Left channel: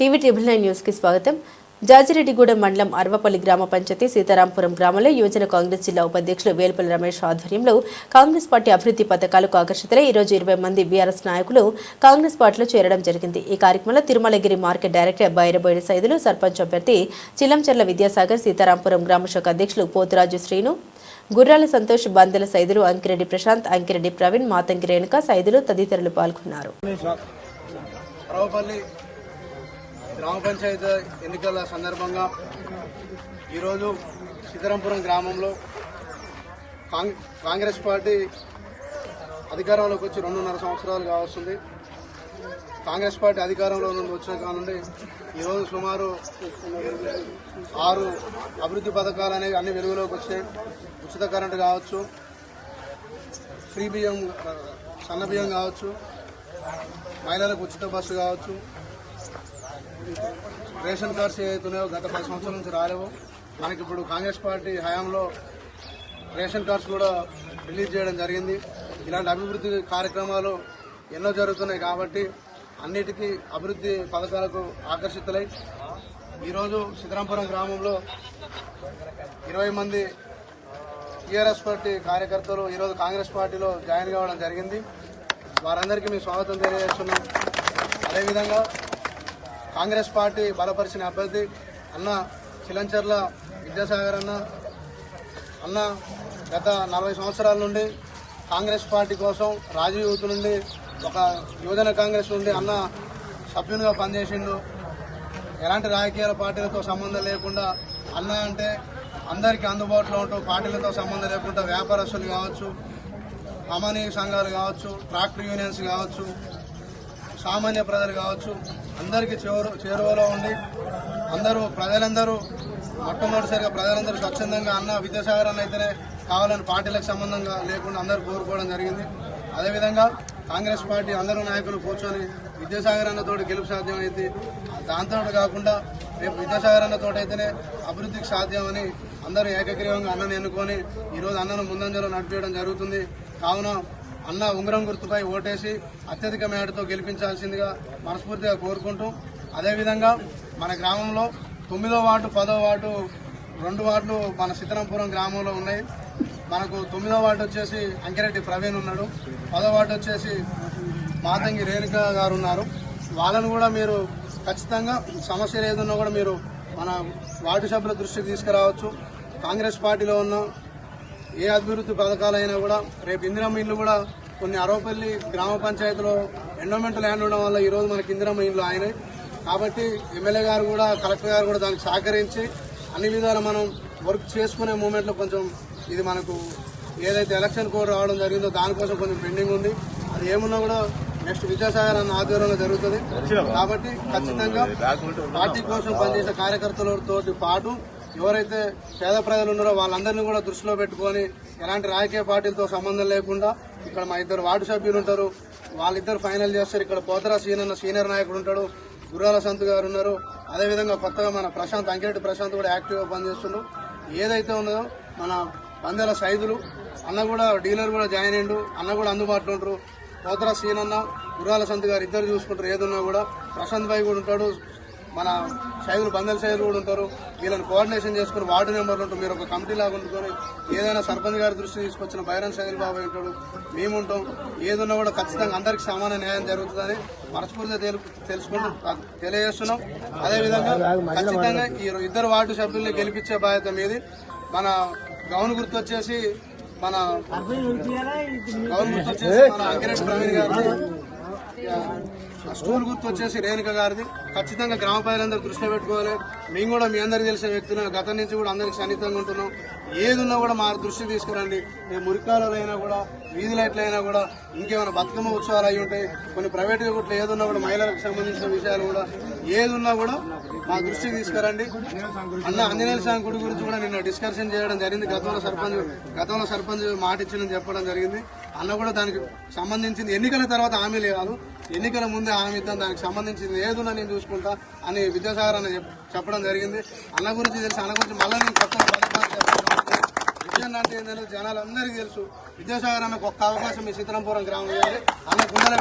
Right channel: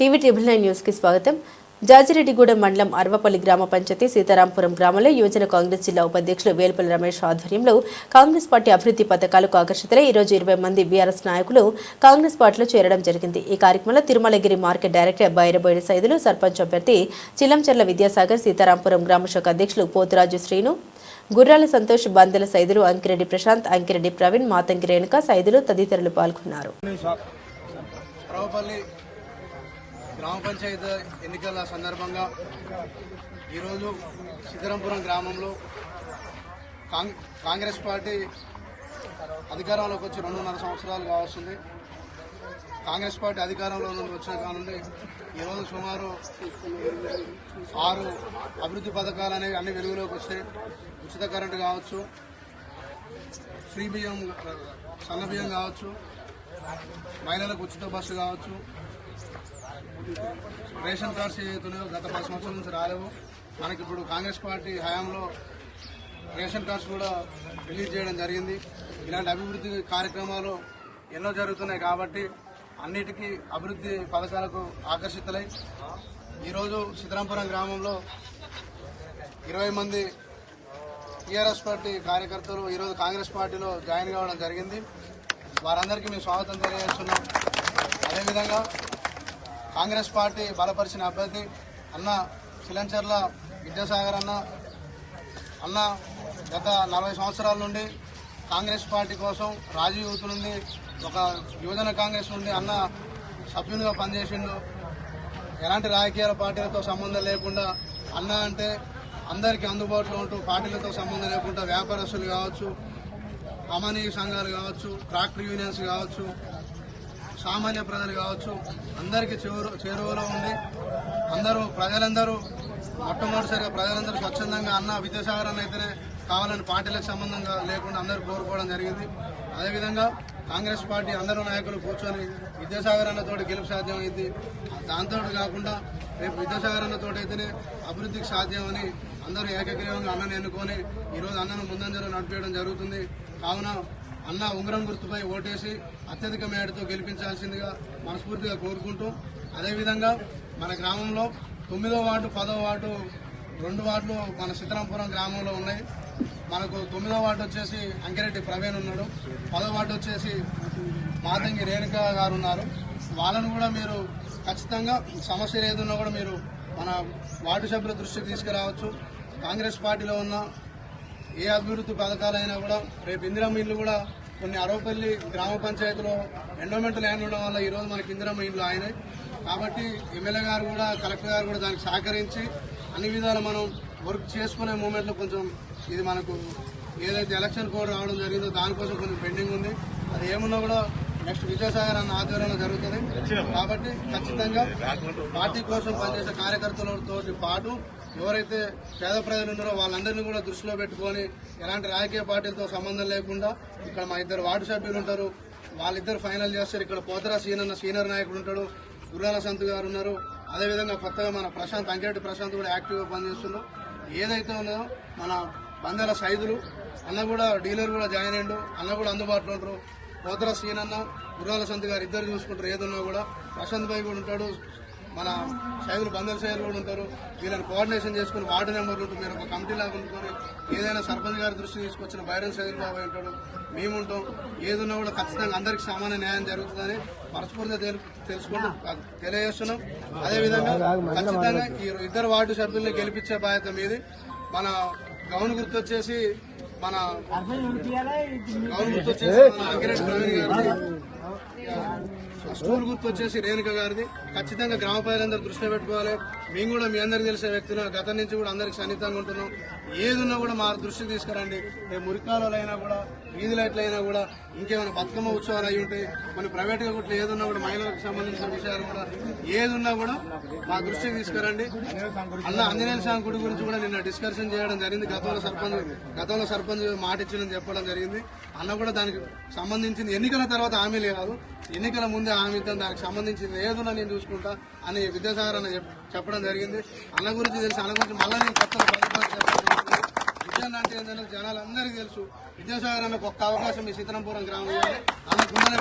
TV triple 9 news కి స్వాగతం. జాజిరెడ్డిగూడెం మండలం అర్వపల్లి గ్రామ పంచాయతీ సీతారాంపురం గ్రామంలో యువజన కాంగ్రెస్ జిల్లా ఉపాధ్యక్షులు వేల్పల్లి రమేష్ ఆధ్వర్యంలో కాంగ్రెస్ పార్టీ అభివృద్ధి పథకాలకు ఆకర్షితులై ఈ రోజు 20 మంది బీఆర్ఎస్ నాయకులు కాంగ్రెస్ పార్టీలో చేరడం జరిగింది. ఈ కార్యక్రమంలో తిరుమలగిరి మార్కెట్ డైరెక్టర్ బైరబోయిడి సైదులు, సర్పంచ్ అభ్యర్థి చిల్లంచెర్ల విద్యాసాగర్, సీతారాంపురం గ్రామ శాఖ అధ్యక్షులు పోతురాజు శ్రీను, గుర్రాల సంతోష్, బందెల సైదులు, అంకిరెడ్డి ప్రశాంత్, అంకిరెడ్డి ప్రవీణ్, మాతంగి రేణుక సైదులు తదితరులు పాల్గొన్నారు. గ్రామ పంచాయతీ ఎన్నికల సందర్భంగా ఈరోజు సీతారాంపురం గ్రామంలో కాంగ్రెస్ పార్టీ అధికారంలోకి వచ్చి 2.5 సంవత్సరాలు కావస్తుంది. కాంగ్రెస్ పార్టీ అధికారంలో నుండి వచ్చిన కానుండి ఈరోజు సుమారు 6 అభివృద్ధి పథకాలు అనేవి అన్ని వెలుగులోకి వచ్చాయి. ఉచిత కరెంటు కావచ్చు, ఫ్రీ బియ్యం, సన్న బియ్యం కావచ్చు, మహిళలకు ఉచిత బస్సు కావచ్చు, రేషన్ కార్డ్స్ ఏదైతున్నాయో గత 10 సంవత్సరాల నుంచి రాలేవు. మనకి ఇప్పుడు కాంగ్రెస్ పార్టీ హయాంలో రేషన్ కార్డ్స్ కూడా రిలీజ్ చేయడం జరిగింది. ఇలాంటి అభివృద్ధి కార్యక్రమాలు ఎన్నో జరుగుతున్నాయి కాబట్టి అన్నిటికీ అభివృద్ధి పథకాలకు ఆకర్షితులై ఈరోజు సీతారాంపురం గ్రామంలో 20 మంది టీఆర్ఎస్ పార్టీ కార్యకర్తలు ఈరోజు కాంగ్రెస్ పార్టీలో జాయిన్ కావడం జరిగింది. వారందరికీ మేము స్వాగతం తెలియజేస్తున్నాం. అదేవిధంగా కాంగ్రెస్ పార్టీ బలపరిచిన అభ్యర్థి అన్న చిల్లంచెర్ల విద్యాసాగర్ అన్న గత 40 సంవత్సరాల నుండి కాంగ్రెస్ పార్టీ కోసం రాజీవ్ యూత్ నుండి ఒక యువజన కాంగ్రెస్ నుండి అన్న సభ్యునిగా పనిచేసిండు. ఎలాంటి రాజకీయాల పార్టీలతో సంబంధం లేకుండా అన్న అంటే అందరికీ అందుబాటులో ఉంటూ పార్టీలతో సంబంధం లేకుండా వ్యాపారస్తులు కావచ్చు, అమానీ సంఘాలు కావచ్చు, ట్రాక్టర్ యూనియన్స్ కావచ్చు, సామాన్య ప్రజలు కావచ్చు, అందరికీ చేరువలో ఉండి ప్రజలందరూ మొట్టమొదటిసారిగా ప్రజలందరూ స్వచ్ఛందంగా అన్న విద్యాసాగర్ అన్న అయితేనే కావాలని పార్టీలకు సంబంధంగా లేకుండా అందరూ కోరుకోవడం జరిగింది. అదేవిధంగా కాంగ్రెస్ పార్టీ అందరూ నాయకులు కూర్చొని విద్యాసాగర్ అన్నతోటి గెలుపు సాధ్యమైంది. దాంతో కాకుండా రేపు విద్యాసాగర్ అన్నతోటి అయితేనే అభివృద్ధికి సాధ్యమని అందరూ ఏకగ్రీవంగా అన్నను ఎన్నుకొని ఈరోజు అన్నను ముందంజలో నడిపేయడం జరుగుతుంది. కావున అన్న ఉంగరం గుర్తుపై ఓటేసి అత్యధిక మేడతో గెలిపించాల్సిందిగా మనస్ఫూర్తిగా కోరుకుంటూ, అదేవిధంగా మన గ్రామంలో 9వ వార్డు, 10వ వార్డు 2 వార్డులు మన సీతారాంపురం గ్రామంలో ఉన్నాయి. మనకు 9వ వార్డు వచ్చేసి అంకిరెడ్డి ప్రవీణ్ ఉన్నాడు, 10వ వార్డు వచ్చేసి మాతంగి రేణుక గారు ఉన్నారు. వాళ్ళను కూడా మీరు ఖచ్చితంగా సమస్యలు ఏదన్నా కూడా మీరు మన వార్డు సభ్యుల దృష్టికి తీసుకురావచ్చు. కాంగ్రెస్ పార్టీలో ఉన్న ఏ అభివృద్ధి పథకాలైనా కూడా రేపు ఇందిరమ్మ ఇండ్లు కూడా కొన్ని అరవపల్లి గ్రామ పంచాయతీలో ఎండోమెంట్ ల్యాండ్ ఉండడం వల్ల ఈరోజు మనకి ఇందిరమ్మ ఇండ్లు ఆయనే. కాబట్టి ఎమ్మెల్యే గారు కూడా, కలెక్టర్ గారు కూడా దానికి సహకరించి అన్ని విధాలు మనం వర్క్ చేసుకునే మూమెంట్లో కొంచెం ఇది మనకు ఏదైతే ఎలక్షన్ కోడ్ రావడం జరిగిందో దానికోసం కొంచెం పెండింగ్ ఉంది. అది ఏమున్నా కూడా నెక్స్ట్ విద్యాసాగర్ అన్న ఆధ్వర్యంలో జరుగుతుంది. కాబట్టి ఖచ్చితంగా పార్టీ కోసం పనిచేసే కార్యకర్తలతో పాటు ఎవరైతే పేద ప్రజలు ఉన్నారో వాళ్ళందరినీ కూడా దృష్టిలో పెట్టుకొని ఎలాంటి రాజకీయ పార్టీలతో సంబంధం లేకుండా ఇక్కడ మా 2 వార్డు సభ్యులు ఉంటారు, వాళ్ళిద్దరు ఫైనల్ చేస్తారు. ఇక్కడ పోతరా సీనియర్ నాయకుడు ఉంటాడు, గుర్రాల సంతు గారు ఉన్నారు. అదేవిధంగా కొత్తగా మన ప్రశాంత్, అంకిరెడ్డి ప్రశాంత్ కూడా యాక్టివ్గా పనిచేస్తున్నారు. ఏదైతే ఉన్నదో మన బందెల సైదులు అన్న కూడా డీలర్ కూడా జాయిన్ అయ్యిండు, అన్న కూడా అందుబాటులో ఉంటారు. పోతరా సీనన్న, గుర్రాల సంతు గారు ఇద్దరు చూసుకుంటారు. ఏదున్నా కూడా ప్రశాంత్ భాయ్ కూడా ఉంటాడు, మన సైదులు బందెల సైదులు కూడా ఉంటారు. వీళ్ళని కోఆర్డినేషన్ చేసుకుని వార్డు నెంబర్లు ఉంటారు. మీరు ఒక కమిటీ లాగా ఉంటుకొని ఏదైనా సర్పంచ్ గారి దృష్టికి తీసుకొచ్చిన బైరన్ సైదులు బాబాయ్ ఉంటాడు, మేము ఉంటాం. ఏదున్నా కూడా ఖచ్చితంగా అందరికీ సమాన న్యాయం జరుగుతుందని మనస్ఫూర్తిగా తెలియజేస్తున్నాం. అదేవిధంగా ఖచ్చితంగా ఈ 2 వార్డు సభ్యుల్ని గెలిపించే బాధ్యత మీది. మన గౌన్ గుర్తు వచ్చేసి మన అంకిరెడ్డి ప్రవీణ్ గారు, స్టూల్ గుర్తు వచ్చేసి రేణుక గారిది. ఖచ్చితంగా గ్రామ ప్రజలందరూ దృష్టిలో పెట్టుకోవాలి. మేము కూడా మీ అందరికి తెలిసే వ్యక్తులను గతం నుంచి కూడా అందరికి సన్నిహితంగా ఉంటున్నాం. ఏదున్నా కూడా మా దృష్టికి తీసుకురండి. రేపు మురికాలలో అయినా కూడా, వీధి లైట్లు అయినా కూడా, ఇంకేమైనా బతుకమ్మ ఉత్సవాలు అయి ఉంటాయి, కొన్ని ప్రైవేట్గా కూడా ఏదున్నా కూడా మహిళలకు సంబంధించిన విషయాలు కూడా ఏదున్నా కూడా మా దృష్టికి తీసుకురండి. అన్న ఆంజనేయ స్వామి గుడి గురించి కూడా నిన్న డిస్కషన్ చేయడం జరిగింది. గతంలో సర్పంచ్ మాట ఇచ్చిందని చెప్పడం జరిగింది. అన్న కూడా దానికి సంబంధించింది ఎన్నికల తర్వాత హామీలు కాదు, ఎన్నికల ముందే హామీ ఇద్దాం, దానికి సంబంధించింది ఏదున్నా నేను చూసుకుంటా అని విద్యాసాగర్ అన్న చెప్పడం జరిగింది. అన్న గురించి తెలిసి అన్న గురించి మళ్ళీ నేను కొత్తగా విజయం అంటే ఏంటంటే జనాలందరికీ తెలుసు. విద్యాసాగర్ అన్నకు ఒక్క అవకాశం ఈ సీతారాంపురం గ్రామం అన్న గుండెల